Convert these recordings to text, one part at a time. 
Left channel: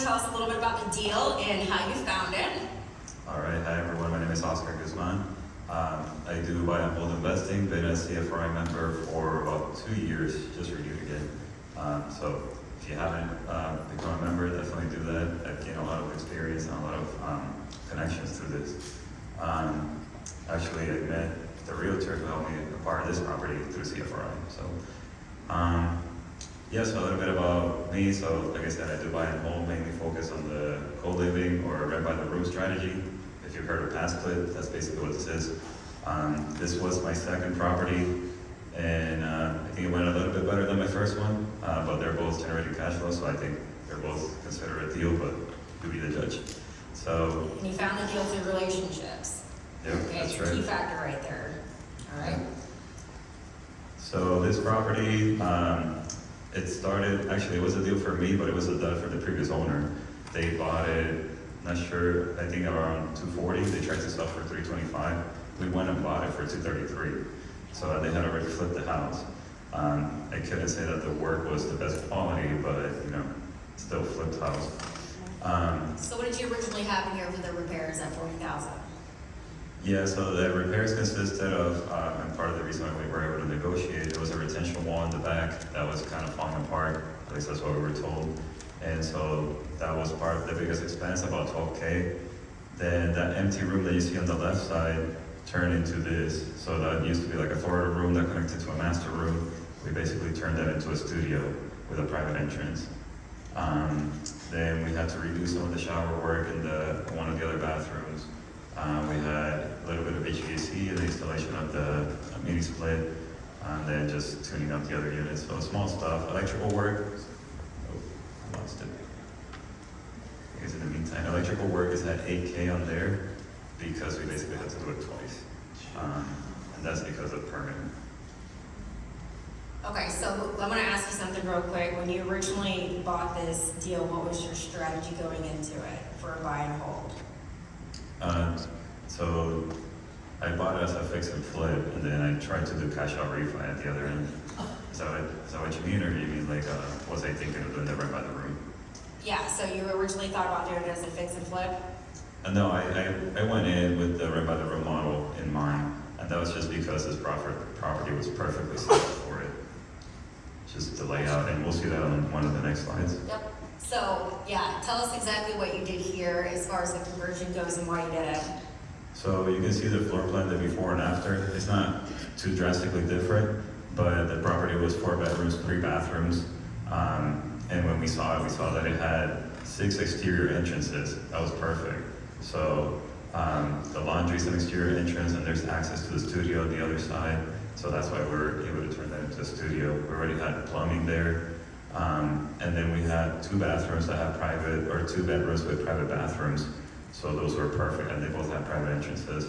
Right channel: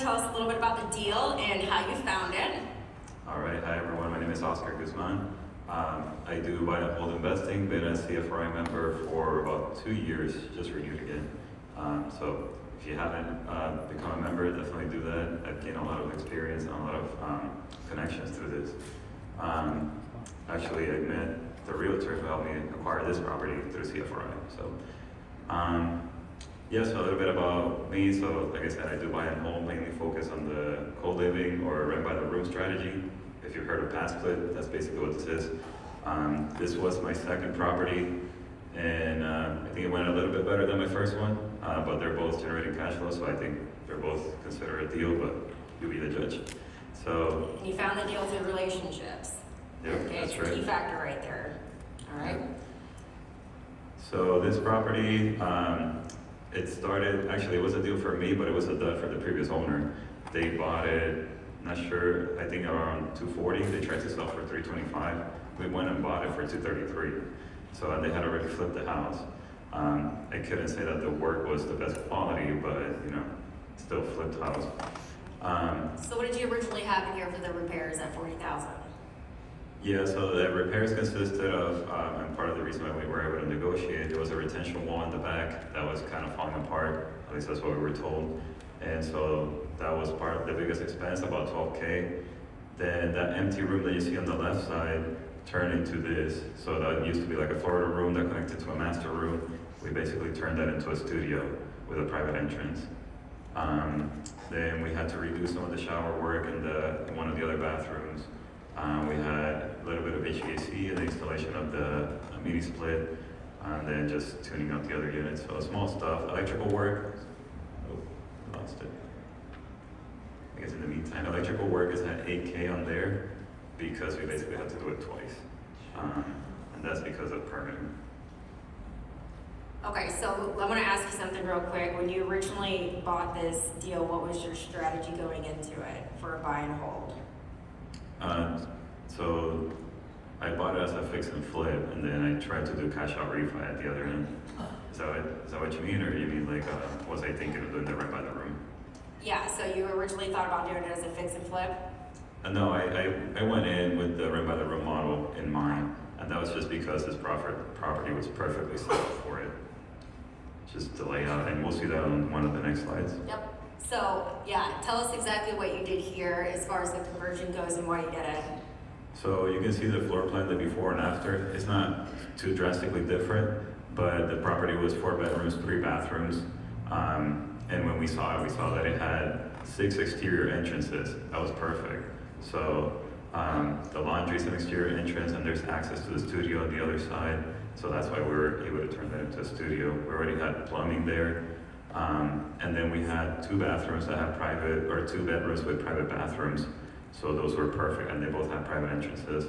tell us a little bit about the deal and how you found it. All right, hi everyone, my name is Guzman. I do buy and hold investing, been a CFRI member for about 2 years, just renewed again. So if you haven't become a member, definitely do that. I've gained a lot of experience and a lot of connections through this. Actually, I met the realtor who helped me acquire this property through CFRI. So, yes, a little bit about me. So, like I said, I do buy and hold, mainly focus on the co-living or rent by the room strategy. If you've heard of pass split, that's basically what this is. This was my second property, and I think it went a little bit better than my first one, but they're both generating cash flow, so I think they're both considered a deal, but you be the judge. So. And you found the deal through relationships. Yep, okay, that's it's right. a key factor right there. All right. So this property, it started, actually it was a deal for me, but it was a deal for the previous owner. They bought it, not sure, I think around 240. They tried to sell for 325. We went and bought it for 233. So they had already flipped the house. I couldn't say that the work was the best quality, but still flipped house. So what did you originally have in here for the repairs at $40,000? Yeah, so the repairs consisted of, and part of the reason why we were able to negotiate, there was a retention wall in the back that was kind of falling apart, at least that's what we were told. And so that was part of the biggest expense, about $12K. Then that empty room that you see on the left side turned into this. So that used to be like a Florida room that connected to a master room. We basically turned that into a studio with a private entrance. Then we had to redo some of the shower work in one of the other bathrooms. We had a little bit of HVAC and the installation of the mini split, then just tuning up the other units. So small stuff, electrical work. Oh, lost it. I guess in the meantime, electrical work is at 8K on there because we basically had to do it twice. And that's because of permitting. Okay, so I'm going to ask you something real quick. When you originally bought this deal, what was your strategy going into it for a buy and hold? So I bought it as a fix and flip, and then I tried to do cash out refi at the other end. Is that what you mean, or you mean like, was I thinking of doing it right by the room? Yeah, so you originally thought about doing it as a fix and flip? No, I went in with the right by the room model in mind, and that was just because this property was perfectly set for it. Just the layout, and we'll see that on one of the next slides. Yep. So, yeah, tell us exactly what you did here as far as the conversion goes and why you did it. So you can see the floor plan, the before and after. It's not too drastically different, but the property was 4 bedrooms, 3 bathrooms. And when we saw that it had 6 exterior entrances. That was perfect. So the laundry is an exterior entrance, and there's access to the studio on the other side. So that's why we were able to turn that into a studio. We already had plumbing there. And then we had 2 bathrooms that have private, or 2 bedrooms with private bathrooms. So those were perfect, and they both had private entrances.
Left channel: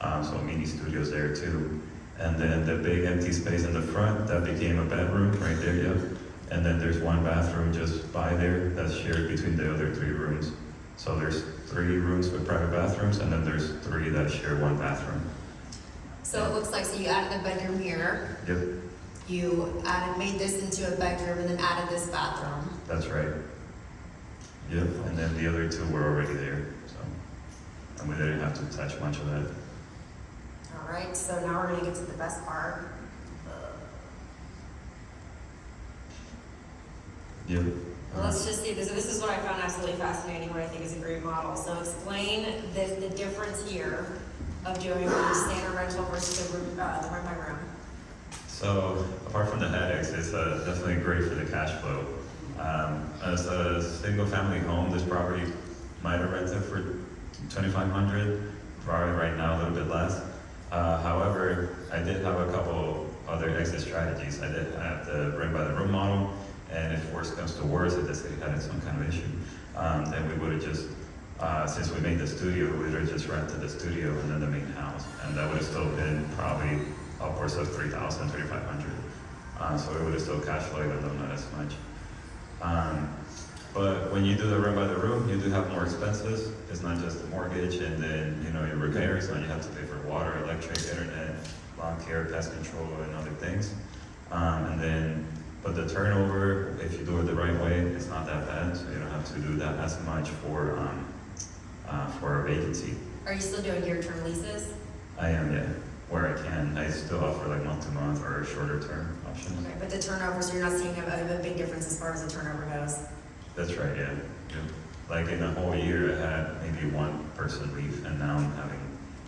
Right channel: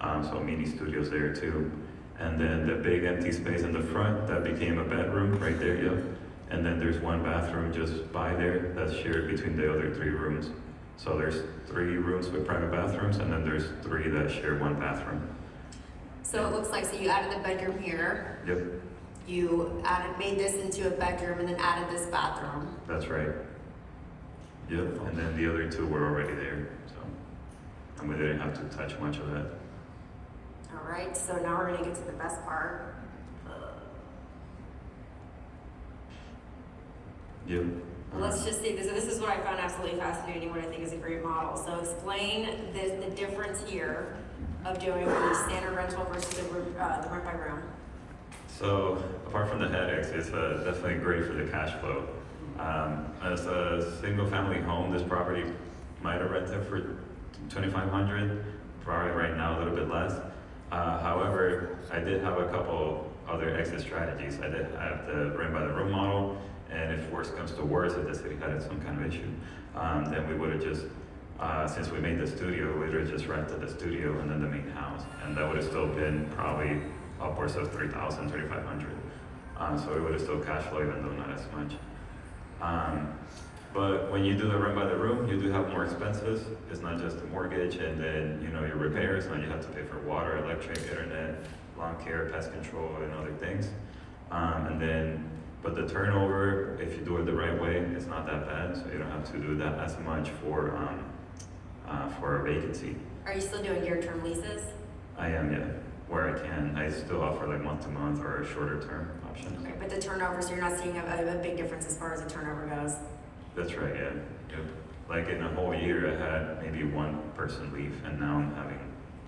So mini studios there too. And then the big empty space in the front, that became a bedroom right there, yep. And then there's 1 bathroom just by there that's shared between the other 3 rooms. So there's 3 rooms with private bathrooms, and then there's 3 that share 1 bathroom. So it looks like, so you added the bedroom here. Yep. You made this into a bedroom and then added this bathroom. That's right. Yep, and then the other 2 were already there, so. And we didn't have to touch much of that. All right, so now we're gonna get to the best part. Yep. Well, let's just see, this is what I found absolutely fascinating, what I think is a great model. So explain the difference here of doing the standard rental versus the rent by room. So apart from the headaches, it's definitely great for the cash flow. As a single family home, this property might have rented for $2,500, probably right now a little bit less. However, I did have a couple other exit strategies. I did have the rent by the room model, and if worse comes to worse, if the city had some kind of issue, then we would have just, since we made the studio, we would have just rented the studio and then the main house, and that would have still been probably upwards of $3,000, $3,500. So it would have still cash flow, even though not as much. But when you do the rent by the room, you do have more expenses. It's not just the mortgage and then your repairs, and you have to pay for water, electric, internet, lawn care, pest control, and other things. And then But the turnover, if you do it the right way, it's not that bad, so you don't have to do that as much for a vacancy. Are you still doing year-term leases? I am, yeah, where I can. I still offer like month-to-month or shorter term options. Okay, but the turnover, so you're not seeing a big difference as far as the turnover goes? That's right, yeah. Yep. Like in a whole year, I had maybe one person leave, and now I'm having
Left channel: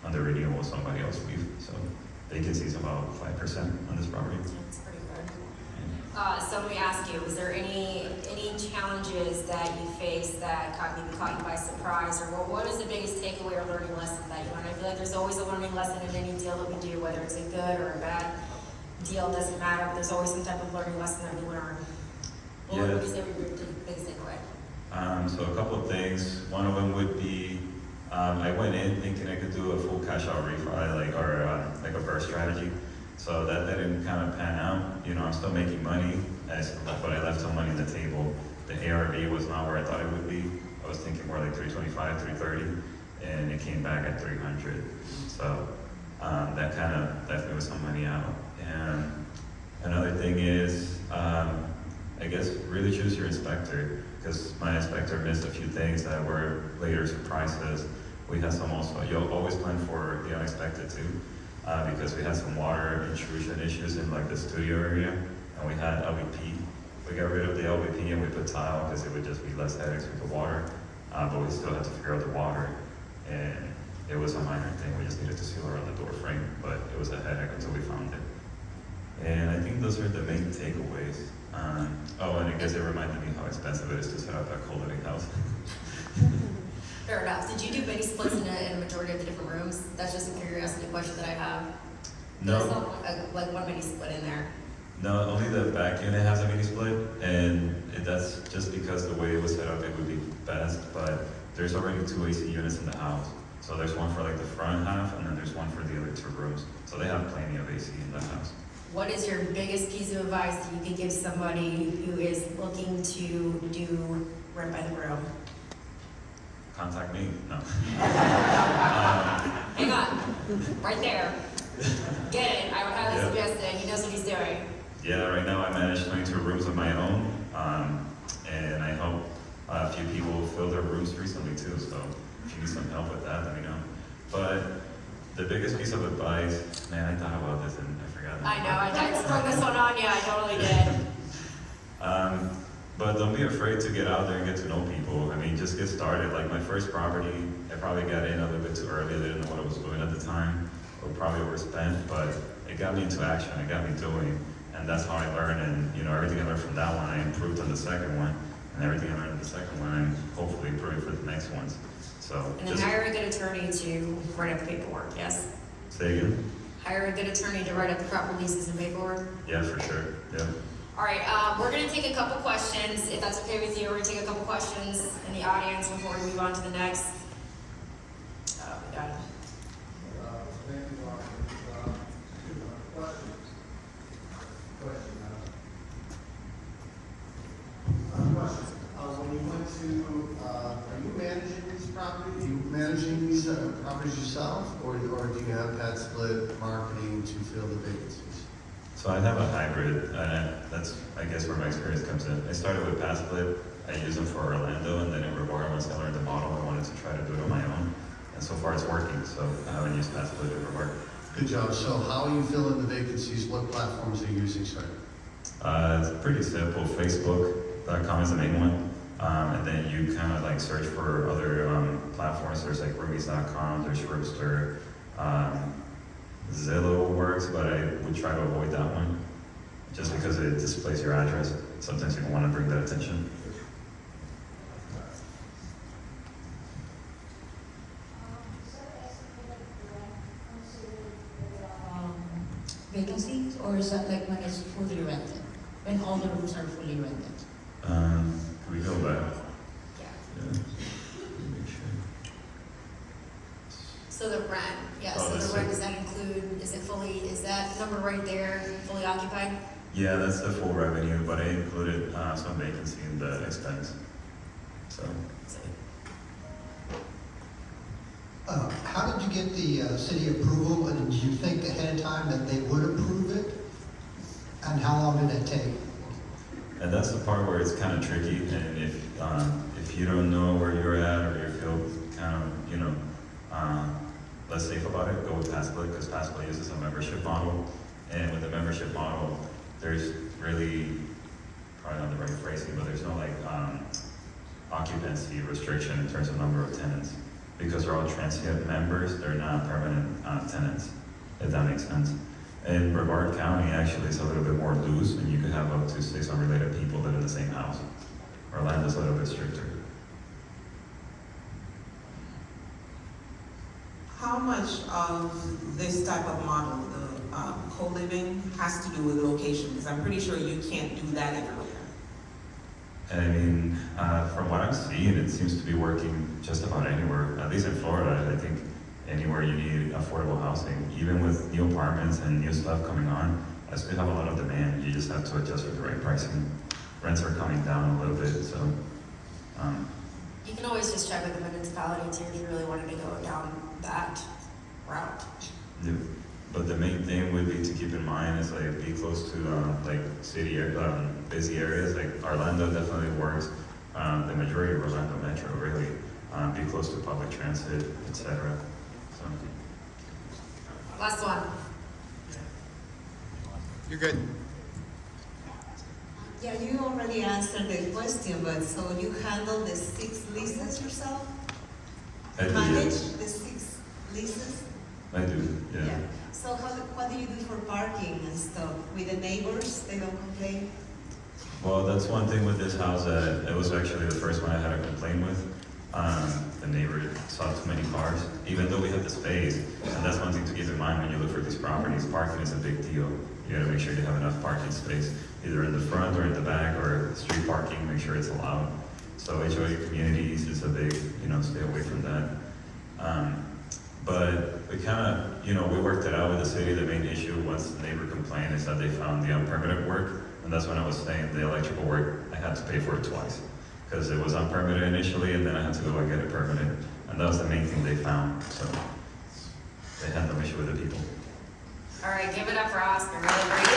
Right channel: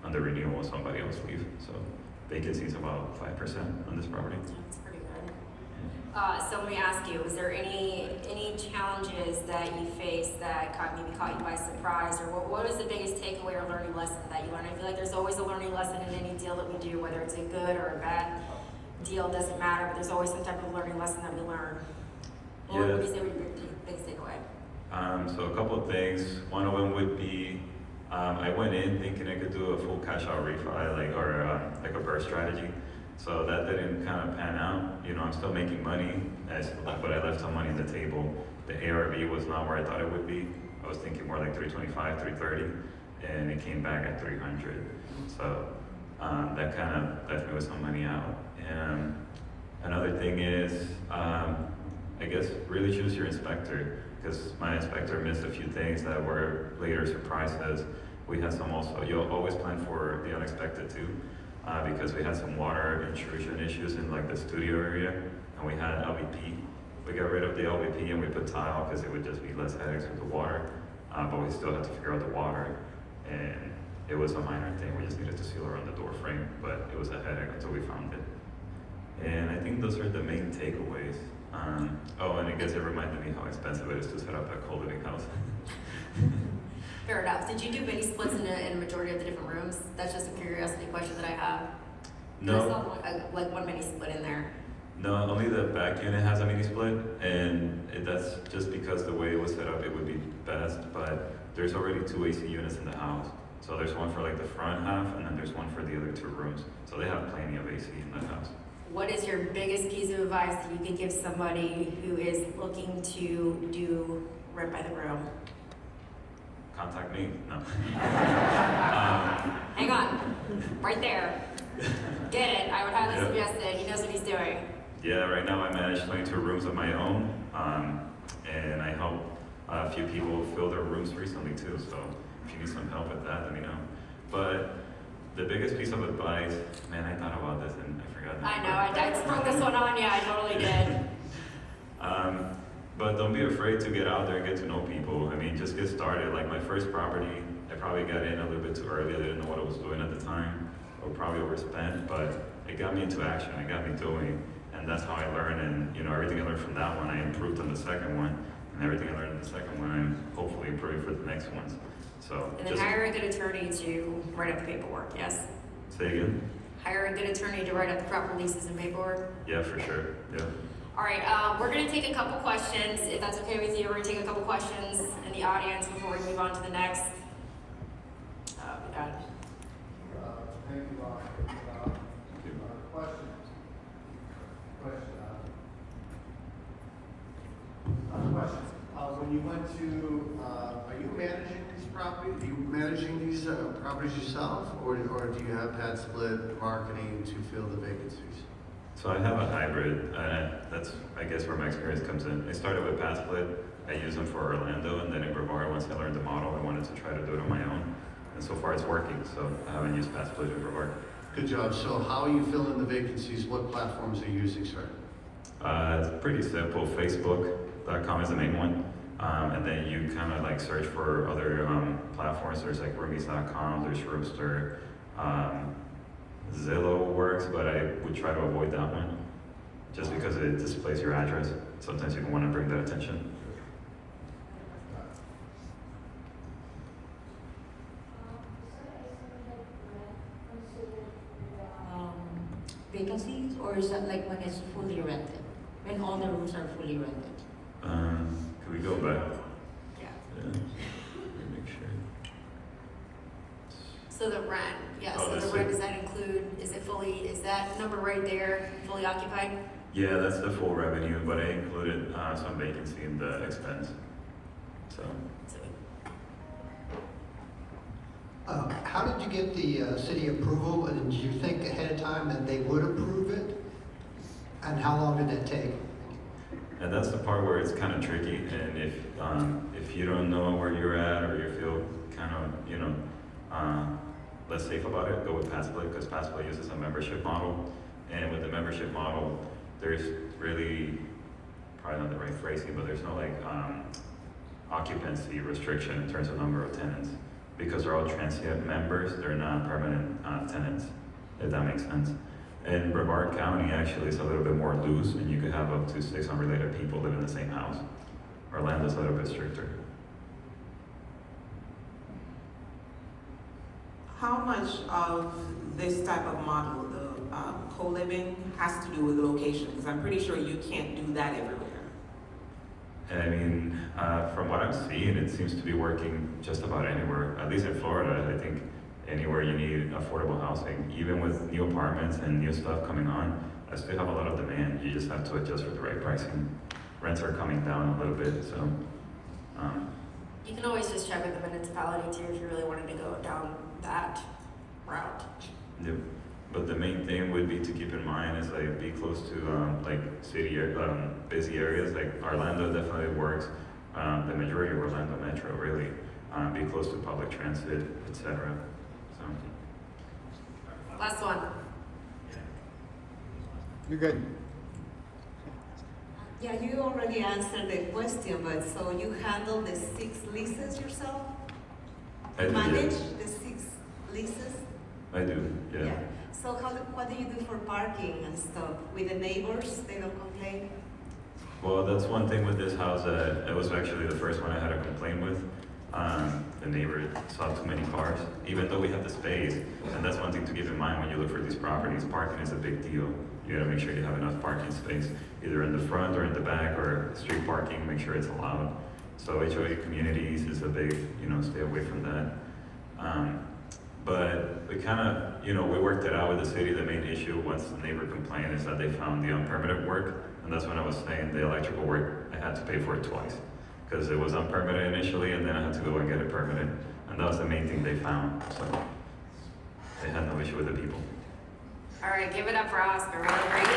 under renewal somebody else leave. So vacancy is about 5% on this property. That's pretty good. So let me ask you, was there any challenges that you faced that maybe caught you by surprise, or what is the biggest takeaway or learning lesson that you learned? I feel like there's always a learning lesson in any deal that we do, whether it's a good or a bad deal, doesn't matter, but there's always some type of learning lesson that we learn. What would you say would be your biggest takeaway? So a couple of things. One of them would be, I went in thinking I could do a full cash out refi, like a burst strategy. So that didn't kind of pan out. You know, I'm still making money, but I left some money on the table. The ARV was not where I thought it would be. I was thinking more like 325, 330, and it came back at 300. So that kind of left me with some money out. And another thing is, I guess really choose your inspector, because my inspector missed a few things that were later surprises. We had some also, you'll always plan for the unexpected too, because we had some water intrusion issues in like the studio area, and we had LVP. We got rid of the LVP and we put tile because it would just be less headaches with the water, but we still had to figure out the water, and it was a minor thing. We just needed to seal around the door frame, but it was a headache until we found it. And I think those are the main takeaways. Oh, and I guess it reminded me how expensive it is to set up a co-living house. Fair enough. Did you do mini splits in a majority of the different rooms? That's just a curiosity question that I have. No. There's not like one mini split in there. No, only the back unit has a mini split, and that's just because the way it was set up, it would be best, but there's already 2 AC units in the house. So there's one for like the front half, and then there's one for the other 2 rooms. So they have plenty of AC in that house. What is your biggest piece of advice that you could give somebody who is looking to do rent by the room? Contact me? No. Hang on, right there. Get it, I would highly Yep. suggest it, he knows what he's doing. Yeah, right now I manage 22 rooms of my own, and I help a few people fill their rooms recently too, so if you need some help with that, let me know. But the biggest piece of advice, man, I thought about this and I forgot. I know, I sprung this one on you, I totally did. But don't be afraid to get out there and get to know people. I mean, just get started. Like my first property, I probably got in a little bit too early. I didn't know what I was doing at the time, or probably overspent, but it got me into action, it got me doing. And that's how I learned, and you know, everything I learned from that one, I improved on the second one, and everything I learned on the second one, I'm hopefully improving for the next ones. So And then hire a good attorney to write up the paperwork, yes? Say again? Hire a good attorney to write up the proper leases and paperwork. Yeah, for sure, yeah. All right, we're gonna take a couple questions, if that's okay with you. We're gonna take a couple questions in the audience before we move on to the next. We got it. Thank you, Laura. Questions? Question. When you went to, are you managing these properties? Are you managing these properties yourself, or do you have that split marketing to fill the vacancies? So I have a hybrid, and that's, I guess, where my experience comes in. I started with Pass Split. I used them for Orlando, and then in Riviera, once I learned the model, I wanted to try to do it on my own. And so far it's working, so I haven't used Pass Split in Riviera. Good job. So how are you filling the vacancies? What platforms are you using, sir? It's pretty simple. Facebook.com is the main one. And then you kind of like search for other platforms. There's like roomies.com, there's Roaster. Zillow works, but I would try to avoid that one just because it displays your address. Sometimes you don't want to bring that attention. Vacancies, or is that like when it's fully rented? When all the rooms are fully rented? Can we go back? Yeah. Yeah. Let me make sure. So the rent, yeah, Oh, so this the rent, is- does that include, is that number right there fully occupied? Yeah, that's the full revenue, but I included some vacancy in the expense. So, How did you get the city approval, and did you think ahead of time that they would approve it? And how long did that take? And that's the part where it's kind of tricky, and if you don't know where you're at, or you feel kind of, less safe about it, go with Passport, because Passport uses a membership model, and with the membership model, there's really, probably not the right phrasing, but there's no like, occupancy restriction in terms of number of tenants, because they're all transient members, they're not permanent tenants, if that makes sense. In Brevard County, actually, it's a little bit more loose, and you could have up to 6 unrelated people live in the same house. Orlando's a little bit stricter. How much of this type of model, the co-living, has to do with the location? Because I'm pretty sure you can't do that everywhere. And I mean, from what I'm seeing, it seems to be working just about anywhere, at least in Florida. I think anywhere you need affordable housing, even with new apartments and new stuff coming on, I still have a lot of demand. You just have to adjust with the right pricing. Rents are coming down a little bit, so. You can always just check with the municipality too if you really wanted to go down that route. Yeah. But the main thing would be to keep in mind is like be close to like city busy areas. Like Orlando definitely works. The majority of Orlando Metro really be close to public transit, etc. So. Last one. You're good. Yeah, you already answered the question, but so you handle the 6 leases yourself? I do, Manage yeah. the 6 leases? I do, yeah. So what do you do for parking and stuff? With the neighbors, they don't complain? Well, that's one thing with this house that it was actually the first one I had a complaint with. The neighbor saw too many cars, even though we have the space. And that's one thing to keep in mind when you look for these properties. Parking is a big deal. You gotta make sure you have enough parking space, either in the front or in the back, or street parking, make sure it's allowed. So HOA communities is a big, stay away from that. But we kind of, we worked it out with the city. The main issue, once the neighbor complained, is that they found the unpermitted work. And that's when I was saying the electrical work, I had to pay for it twice. Because it was unpermitted initially, and then I had to go and get it permitted. And that was the main thing they found. So they had no issue with the people. All right, give it up for Oscar. Really great.